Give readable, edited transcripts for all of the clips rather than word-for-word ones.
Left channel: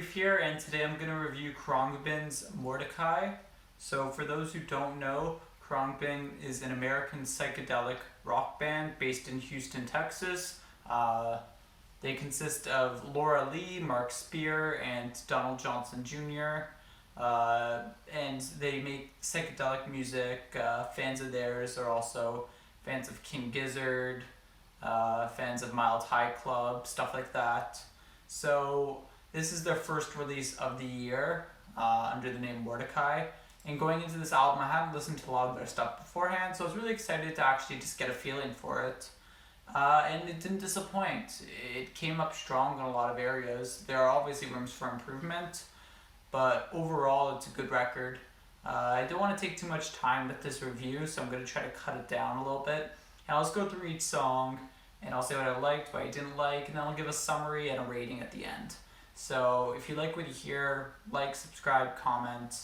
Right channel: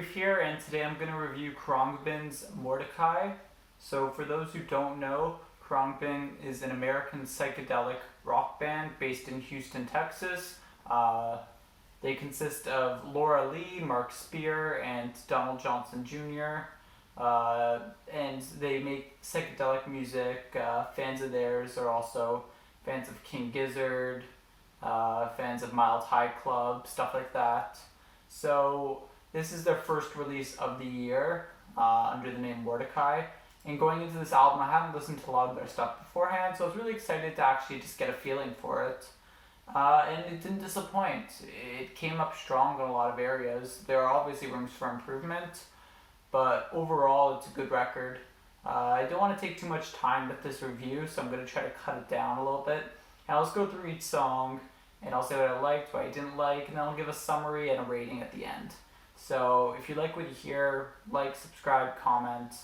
Brief here, and today I'm going to review Khruangbin's Mordechai. So for those who don't know, Khruangbin is an American psychedelic rock band based in Houston, Texas. They consist of Laura Lee, Mark Spear, and Donald Johnson Jr. And they make psychedelic music. Fans of theirs are also fans of King Gizzard, fans of Mild High Club, stuff like that. So this is their first release of the year under the name Mordechai. And going into this album, I hadn't listened to a lot of their stuff beforehand, so I was really excited to actually just get a feeling for it. And it didn't disappoint. It came up strong in a lot of areas. There are obviously rooms for improvement, but overall it's a good record. I don't want to take too much time with this review, so I'm going to try to cut it down a little bit. And I'll just go through each song, and I'll say what I liked, what I didn't like, and then I'll give a summary and a rating at the end. So if you like what you hear, like, subscribe, comment.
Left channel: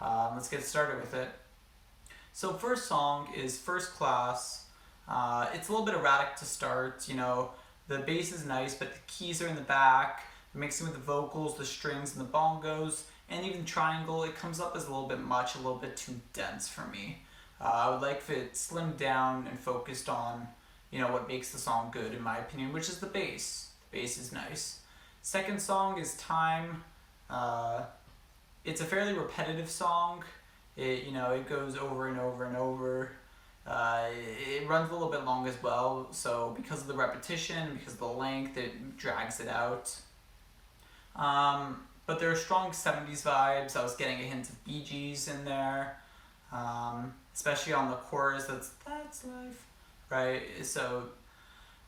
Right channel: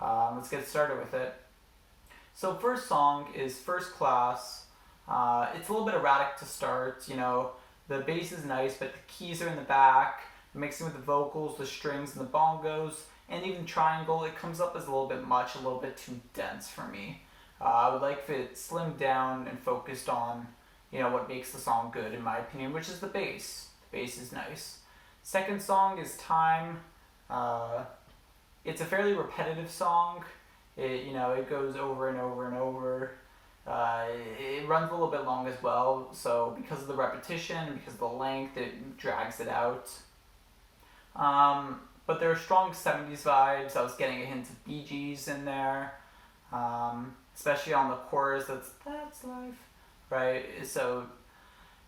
Let's get started with it. So first song is First Class. It's a little bit erratic to start. The bass is nice, but the keys are in the back. Mixing with the vocals, the strings, and the bongos, and even triangle, it comes up as a little bit much, a little bit too dense for me. I would like if it slimmed down and focused on what makes the song good, in my opinion, which is the bass. The bass is nice. Second song is Time. It's a fairly repetitive song. It goes over and over and over. It runs a little bit long as well, so because of the repetition and because of the length, it drags it out. But there are strong 70s vibes. I was getting a hint of Bee Gees in there, especially on the chorus. That's life, right? So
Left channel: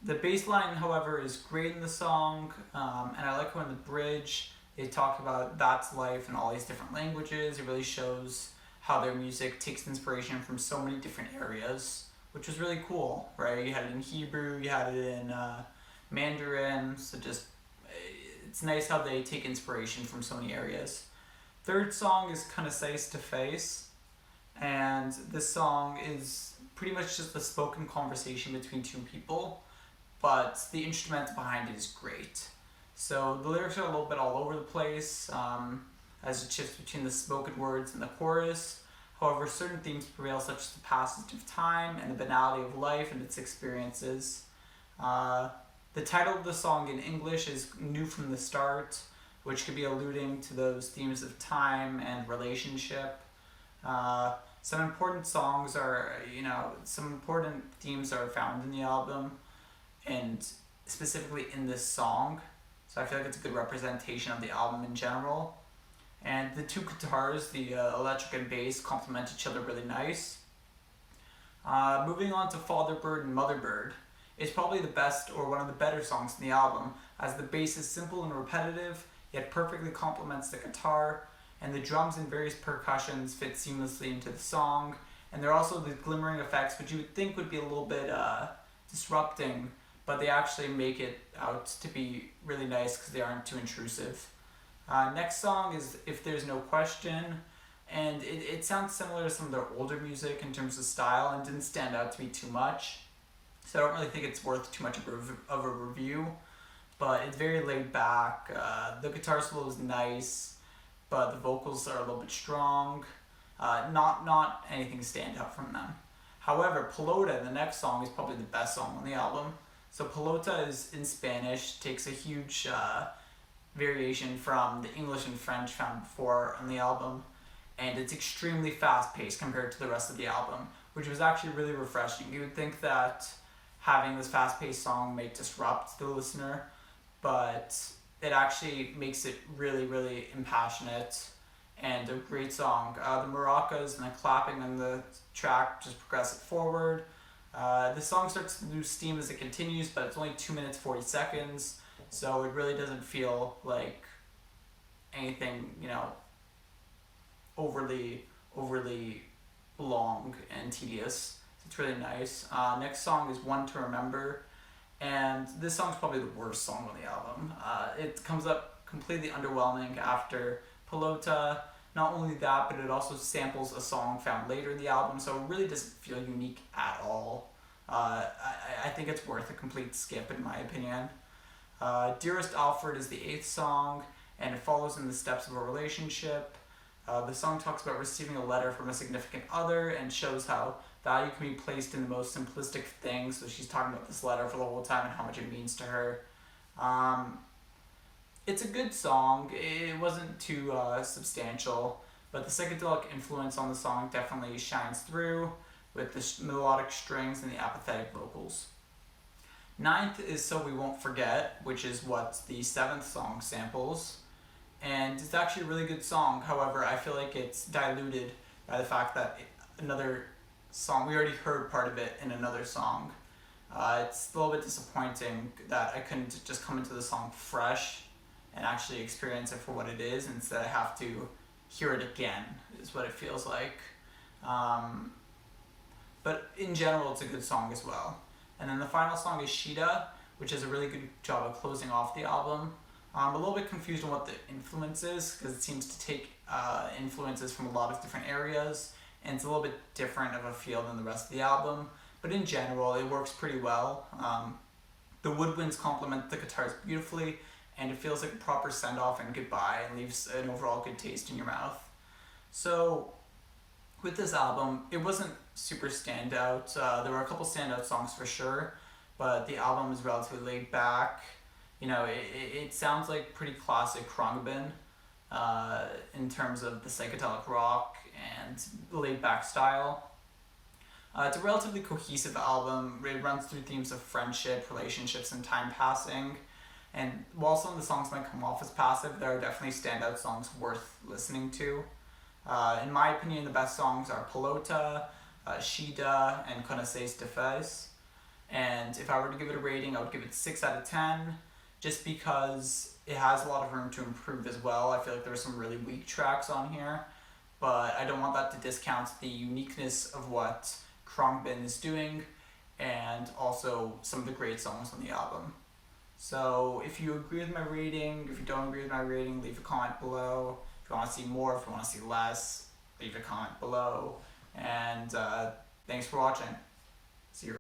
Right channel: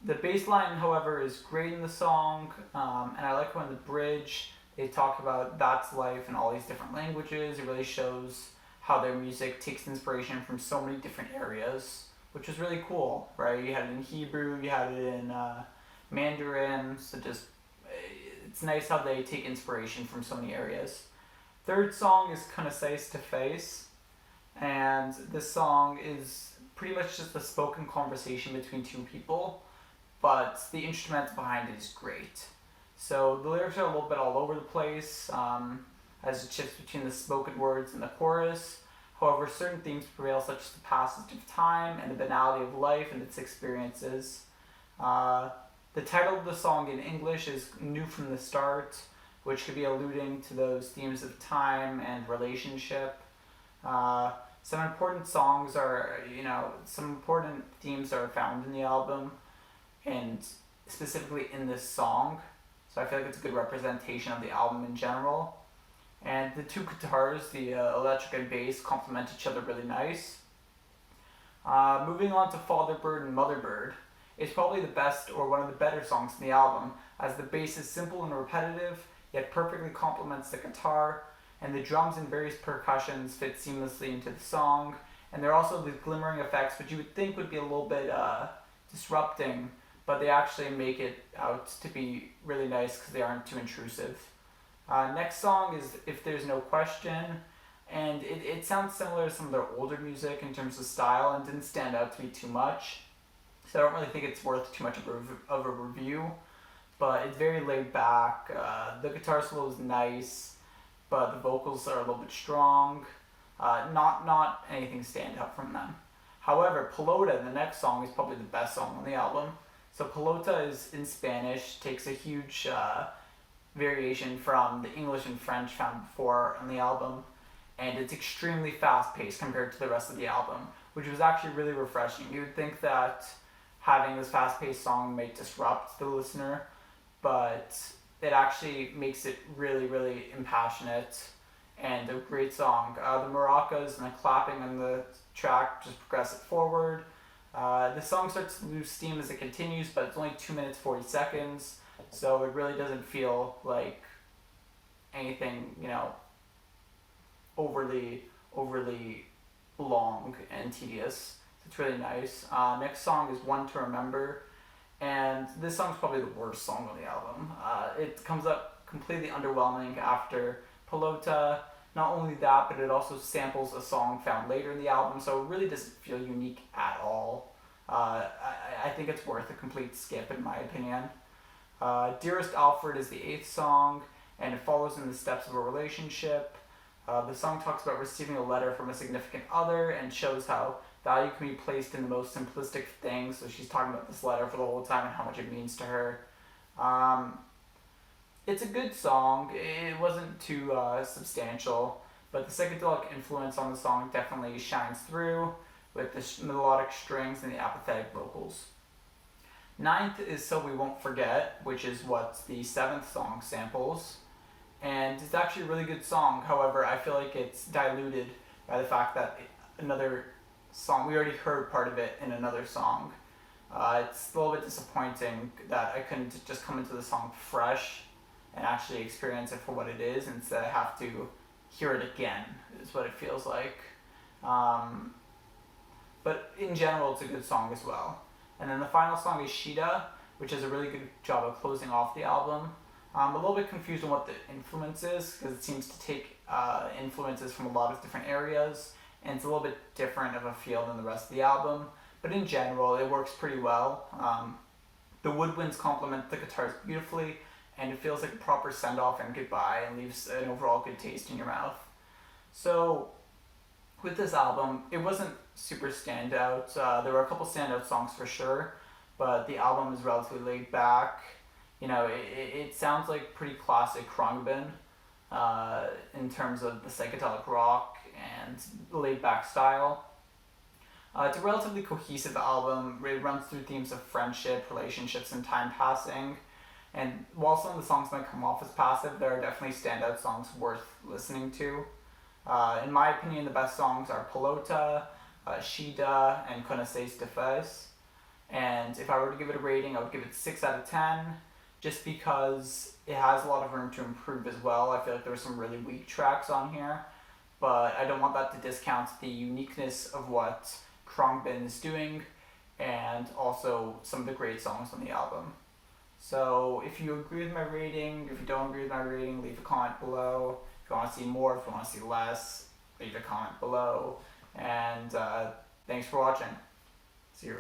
the bass line, however, is great in the song, and I like when the bridge, they talk about that's life in all these different languages. It really shows how their music takes inspiration from so many different areas, which was really cool, right? You had it in Hebrew, you had it in Mandarin, so it's nice how they take inspiration from so many areas. Third song is Concise to Face, and this song is pretty much just a spoken conversation between two people, but the instrumental behind it is great. So the lyrics are a little bit all over the place as it shifts between the spoken words and the chorus. However, certain themes prevail, such as the passage of time and the banality of life and its experiences. The title of the song in English is New from the Start, which could be alluding to those themes of time and relationship. Some important themes are found in the album, and specifically in this song. So I feel like it's a good representation of the album in general. And the two guitars, the electric and bass, complement each other really nice. Moving on to Father Bird and Mother Bird. It's probably the best or one of the better songs in the album, as the bass is simple and repetitive, yet perfectly complements the guitar, and the drums and various percussions fit seamlessly into the song. And there are also the glimmering effects, which you would think would be a little bit disrupting, but they actually make it out to be really nice because they aren't too intrusive. Next song is If There's No Question, and it sounds similar to some of their older music in terms of style and didn't stand out to me too much. So I don't really think it's worth too much of a review, but it's very laid back. The guitar solo is nice, but the vocals are a little bit strong. Not anything stand out from them. However, Pelota, the next song, is probably the best song on the album. So Pelota is in Spanish, takes a huge variation from the English and French found before on the album, and it's extremely fast-paced compared to the rest of the album, which was actually really refreshing. You would think that having this fast-paced song may disrupt the listener, but it actually makes it really, really impassionate and a great song. The maracas and the clapping on the track just progress it forward. The song starts to lose steam as it continues, but it's only 2 minutes 40 seconds, so it really doesn't feel like anything, overly long and tedious. It's really nice. Next song is One to Remember, and this song's probably the worst song on the album. It comes up completely underwhelming after Pelota. Not only that, but it also samples a song found later in the album, so it really doesn't feel unique at all. I think it's worth a complete skip in my opinion. Dearest Alfred is the 8th song, and it follows in the steps of a relationship. The song talks about receiving a letter from a significant other and shows how value can be placed in the most simplistic things. So she's talking about this letter for the whole time and how much it means to her. It's a good song. It wasn't too substantial, but the psychedelic influence on the song definitely shines through with the melodic strings and the apathetic vocals. Ninth is So We Won't Forget, which is what the seventh song samples. And it's actually a really good song. However, I feel like it's diluted by the fact that another song, we already heard part of it in another song. It's a little bit disappointing that I couldn't just come into the song fresh and actually experience it for what it is. Instead, I have to hear it again, is what it feels like. But in general, it's a good song as well. And then the final song is Shida, which does a really good job of closing off the album. I'm a little bit confused on what the influence is, because it seems to take influences from a lot of different areas, and it's a little bit different of a feel than the rest of the album. But in general, it works pretty well. The woodwinds complement the guitars beautifully, and it feels like a proper send-off and goodbye, and leaves an overall good taste in your mouth. So, with this album, it wasn't super standout. There were a couple standout songs for sure, but the album is relatively laid back. You know, it sounds like pretty classic Khruangbin in terms of the psychedelic rock and laid back style. It's a relatively cohesive album. It runs through themes of friendship, relationships, and time passing. And while some of the songs might come off as passive, there are definitely standout songs worth listening to. In my opinion, the best songs are Pelota, Shida, and Connaissance de Face. And if I were to give it a rating, I would give it 6 out of 10, just because it has a lot of room to improve as well. I feel like there's some really weak tracks on here, but I don't want that to discount the uniqueness of what Khruangbin is doing, and also some of the great songs on the album. So if you agree with my rating, if you don't agree with my rating, leave a comment below. If you want to see more, if you want to see less, leave a comment below. And thanks for watching. See you.